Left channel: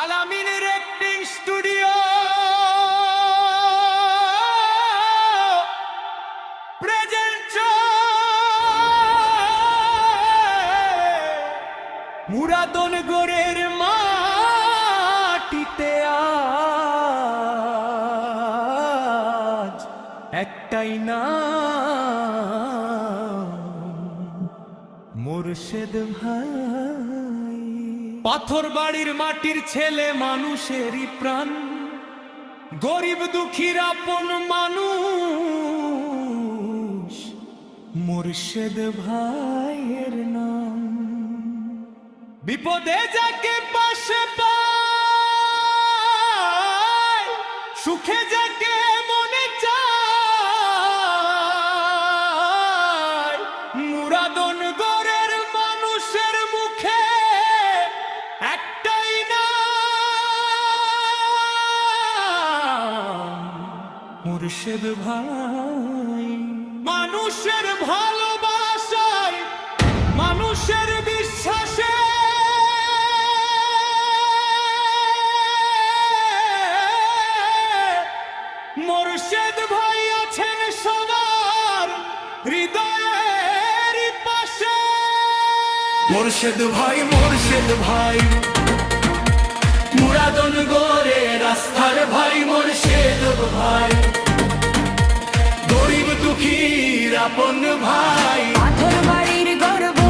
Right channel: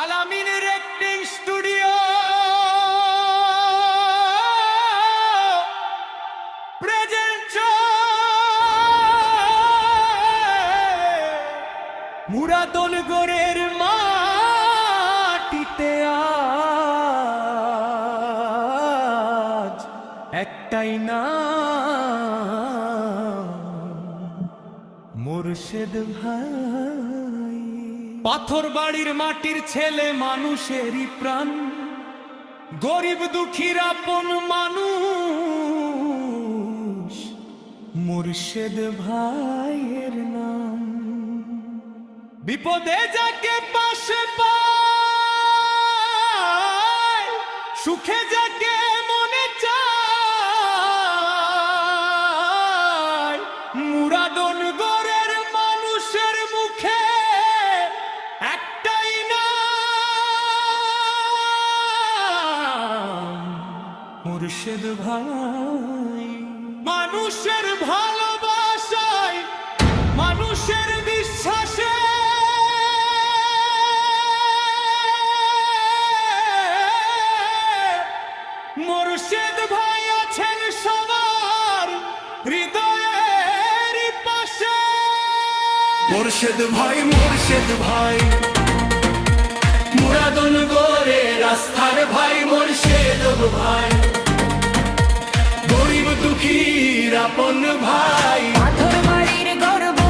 আলামিন recording studio present মুরাদনগরের মাটিতে আজ একটাই নাম মুর্শেদ ভাই। পাথর বাড়ির মাটির ছেলে, মানুষেরই প্রাণ, গরিব দুঃখীর আপন মানুষ মুর্শেদ ভাইয়ের নাম। বিপদে যাকে পাশে পায়, সুখে যাকে মনে চায়, মুরাদনগরের মানুষের মুখে একটাই নাম মুর্শেদ ভাই। মানুষের ভালোবাসায়, মানুষের বিশ্বাসে মুর্শেদ ভাই আছেন সবার হৃদয়ের পাশে। মুর্শেদ ভাই, মুর্শেদ ভাই, মুরাদনগরে রাস্তার ভাই মুর্শেদ ভাই, গরিব দুঃখীর আপন ভাই। পাথর বাড়ির গর্ব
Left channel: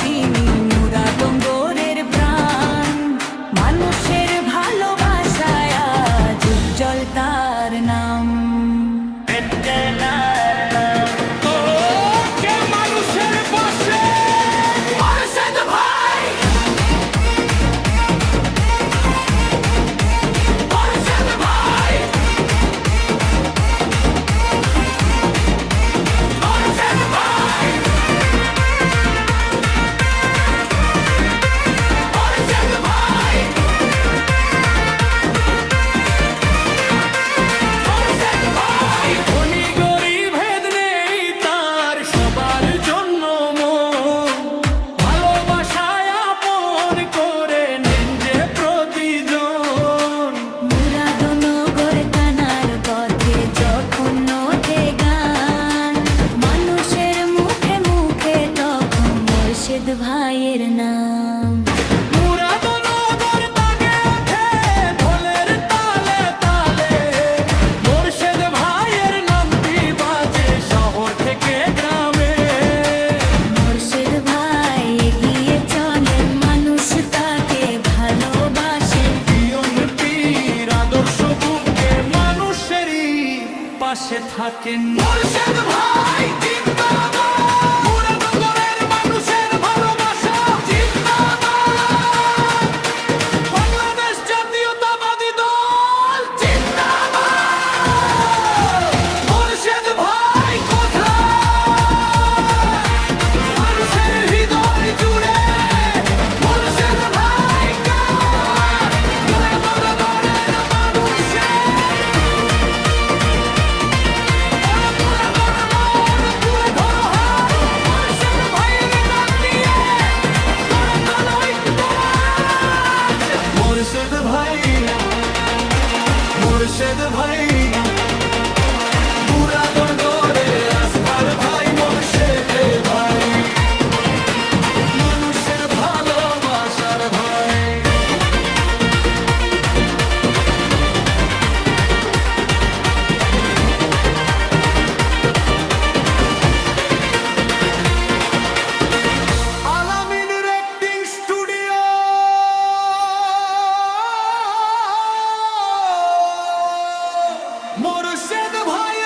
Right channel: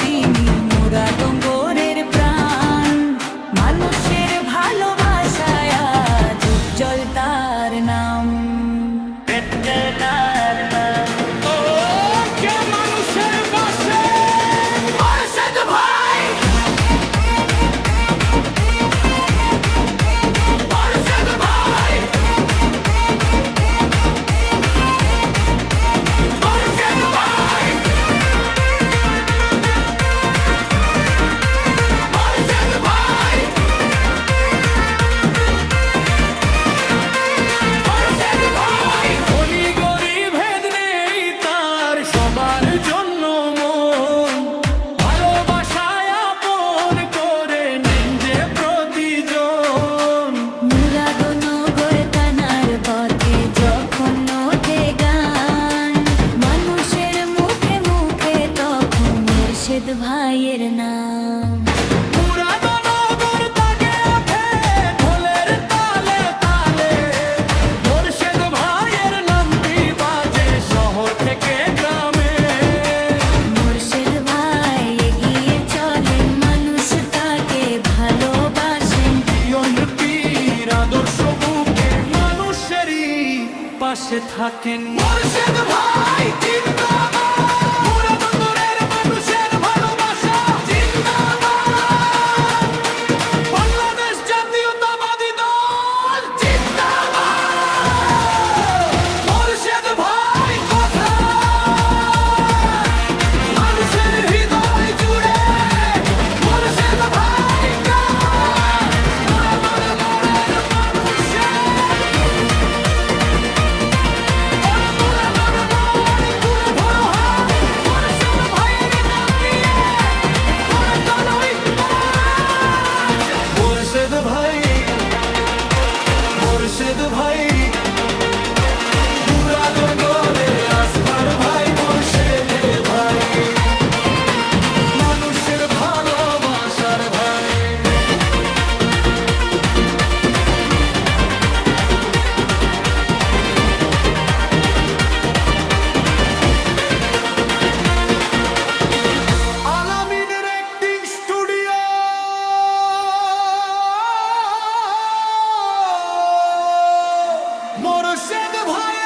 তিনি, মুরাদনগরের প্রাণ, মানুষের ভালোবাসায় আজ উজ্জ্বল তার নাম। মানুষের পাশে মুর্শেদ ভাই, মুর্শেদ ভাই, মুর্শেদ ভাই, মুর্শেদ ভাই, মুর্শেদ ভাই। ধনী গরিব ভেদ নেই তার, সবার জন্য মন, ভালোবাসায় আপন করে নেন যে প্রতিজন। মুরাদনগর থানার পথে যখন ওঠে গান, মানুষের মুখে মুখে তখন মুর্শেদ ভাইয়ের নাম। মুরাদনগর তাকে ওঠে ঢোলের তালে তালে, মুর্শেদ ভাইয়ের নামটি বাজে শহর থেকে গ্রামে। মুর্শেদ ভাই এগিয়ে চলেন, মানুষ তাকে ভালোবাসেন। জীবন পীর আদর্শ বুকে মানুষেরই পাশে থাকেন। মুর্শেদ ভাই জিন্দাবাদ, মুরাদনগরের মানুষের ভালোবাসা জিন্দাবাদ, বাংলাদেশ জাতীয়তাবাদী দল জিন্দাবাদ। মুর্শেদ ভাই কোথায়, মানুষের হৃদয় জুড়ে মুর্শেদ ভাই কার, মুরাদনগরের মানুষের মুরাদনগর তুলে ধরো হাত, মুর্শেদ ভাইয়ের নাম দিয়ে গড়ে তোলো ইতিহাস। মুর্শেদ ভাই, মুর্শেদ ভাই, মুরাদনগরে আস্থার ভাই মুর্শেদ ভাই, মানুষের ভালোবাসার ভাই। আলামিন রেকর্ডিং স্টুডিও মুর্শেদ ভাই